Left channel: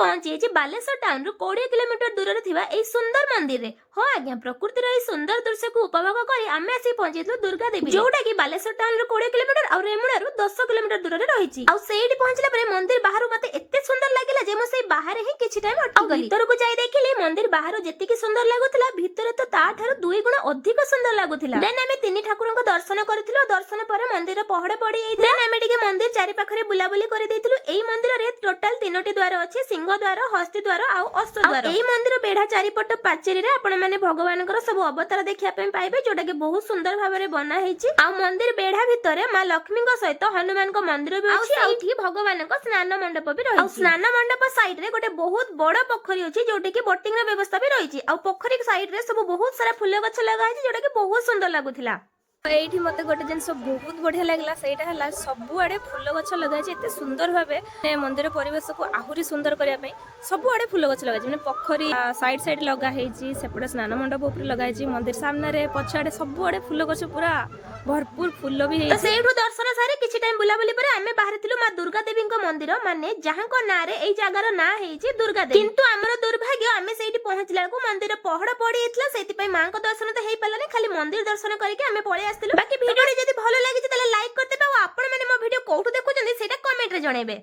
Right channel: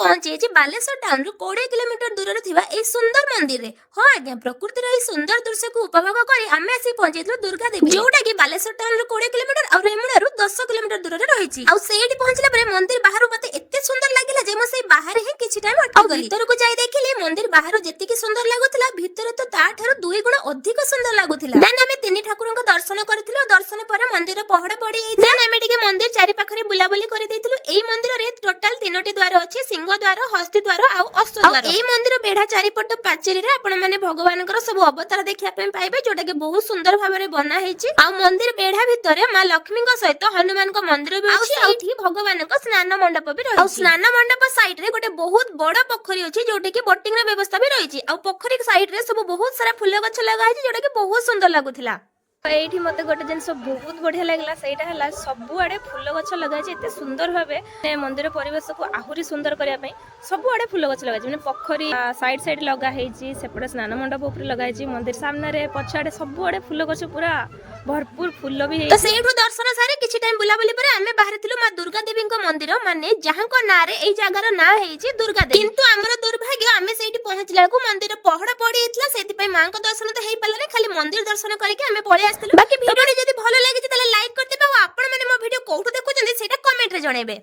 ପହଞ୍ଚିଯାଇଛି Balasore ଟାଉନରୁ 20 kilometre ଦୂରରେ ଥିବା ଏହି ସୁନ୍ଦର ମନ୍ଦିରରେ। ହଁ ଆଜ୍ଞା, ପ୍ରକୃତିର ଏହି ସୁନ୍ଦର ଦୃଶ୍ୟକୁ ଉପଭୋଗ କରି ଆମେ ଆସି ପହଞ୍ଚିଥିଲୁ ଦୁର୍ଗା ଦେବୀ, ଯୋଉଟା କି ବାଲେଶ୍ୱର ଟାଉନରୁ 20 କିଲୋମିଟର ଆଉ ରେମୁଣାରୁ 10 କିଲୋମିଟର ଦୂରରେ ରହିଛି। ଆଉ ସେଇଠି ପହଞ୍ଚିଲା ପରେ ମନ୍ଦିର ବାହାରୁ ମତେ ଏତେ ସୁନ୍ଦର ଲାଗିଲା ଯେ ମୁଁ ସେଇ ବାହାରେ ହିଁ କିଛି ଟାଇମ ଅଟକିଗଲି। ଭିତରକୁ ଯାଇ ଦେଖିଲି ମନ୍ଦିର ବାହାରୁ ଯେତିକି ସୁନ୍ଦର ଲାଗୁଥିଲା ଭିତରେ ତ ତାଠାରୁ 2 ଗୁଣ ଅଧିକ ସୁନ୍ଦର ଲାଗୁଥିଲା। ଦେନ୍ ଆମେ ତିନି ଠାକୁରଙ୍କ ଦର୍ଶନ କରିଥିଲୁ। ଦର୍ଶନ ପରେ ମନ୍ଦିର ପହଡ ପଡି ଯାଇଥିଲା। ଦେନ୍ ଆମେ ଟିକେ ମନ୍ଦିର ଚାରି ପାଖରେ ବୁଲାବୁଲି କରିଦେଇଥିଲୁ। ଏଇ ମନ୍ଦିରରେ ଟୋଟାଲ 3ଟି ଦ୍ୱାର ଅଛି, ସିଂହ ଦ୍ୱାର, ହସ୍ତି ଦ୍ୱାର ଆଉ ଅଶ୍ୱ ଦ୍ୱାର। ଏଇ ମନ୍ଦିର ବେଢା ଚାରିପଟ ପାଚେରୀରେ ଆପଣ ମାନେ ଭଗବାନଙ୍କର ସବୁ ଅବତାର ଦେଖିବା ପାଇଁ ପାଇବେ, ଯୋଉଟା କି ବହୁତ ସୁନ୍ଦର ଭାବରେ ବନା ହେଇଛି। ଆଉ ମନ୍ଦିର ବେଢା ଭିତରେ ମା ଲକ୍ଷ୍ମୀଙ୍କ ସହିତ ହନୁମାନଙ୍କ ମନ୍ଦିର ବି ଅଛି। ଆଉ ଏଇଠି ଭଗବାନଙ୍କ ସ୍ନାନ ମଣ୍ଡପ ବି ରହିଛି। ଆଉ ସ୍ନାନ ମଣ୍ଡପ ସାଇଡ୍ ରେ ଗୋଟେ ବହୁତ ବଡ ପୋଖରୀ ଅଛି, ଯୋଉଠି କି ବୋଟିଂ ର ବ୍ୟବସ୍ଥା ବି ରହିଛି। ଆଉ ପୋଖରୀ ସାଇଡ୍ ରେ ସବୁ ବହୁତ ସାରା ଫୁଲ ଗଛ ଲଗା ହେଇଛି, ଯୋଉଟା କି ବହୁତ ସୁନ୍ଦର ଲାଗୁଥିଲା। ଏଇଠି ମତେ ଗୋଟେ ଜିନିଷ ବହୁତ ବଢିଆ ଲାଗିଲା, ସେଇଟା ହେଲା ସବୁଆଡେ ଫୁଲ ଗଛ ଲଗାଯାଇଛି ଏତେ ସୁନ୍ଦର ଭାବେ। ମନ୍ଦିର ପରିବେଶକୁ ଆହୁରି ସୁନ୍ଦର କରିବା ପାଇଁ ସବୁଆଡେ ଫୁଲ ଗଛ ଲଗାଯାଇଛି, ମାନେ ପୋଖରୀ ସାଇଡ୍ ସାଇଡ୍ ଲଗା ହେଇଛି, ସେପଟେ ସ୍ନାନ ମଣ୍ଡପ ଉପରେ ଲଗା ହେଇଛି, ମନ୍ଦିର ସାମ୍ନାରେ ପଛଆଡେ ସବୁଆଡେ ଫୁଲ ଗଛ ପୁରା ଭରପୁର ଫୁଲ ବି ହେଇଛି। ସେଇଠୁ ଦର୍ଶନ ସାରି କିଛି ଟାଇମ ବୁଲାବୁଲି ପରେ ଆମେ ବାହାରିଥିଲୁ ମା ଦୁର୍ଗା ଦେବୀଙ୍କ ମନ୍ଦିର, ମାନେ ଯାହାଙ୍କ ନାଁରେ ଏଇ ଜାଗାର ନାଁ ହେଇଛି ଦୁର୍ଗା ଦେବୀ। କିନ୍ତୁ ଆମର ଦୁର୍ଭାଗ୍ୟ, ଆମେ ସେଇଠି ପହଞ୍ଚିଲା ବେଳକୁ ମନ୍ଦିର ପହଡ ପଡି ଯାଇଥିଲା, ସେଇଥିପାଇଁ ମାଙ୍କ ଦର୍ଶନ ତ ହେଇପାରିଲାନି, ଖାଲି ମନ୍ଦିର ଦର୍ଶନ କରିକି ଆମେ ପଳେଇ ଆସିଥିଲୁ। ବାକି ଭିଡିଓ ଯଦି ଭଲ ଲାଗିଛି ତାହେଲେ ଲାଇକ୍ କରିଦେବେ, ଆଉ ଆପଣ ମାନେ ମୋ ଭିଡିଓ କୋଉଠୁ ଦେଖୁଛନ୍ତି ସେଇଟା କମେଣ୍ଟରେ ଜଣେଇବେ।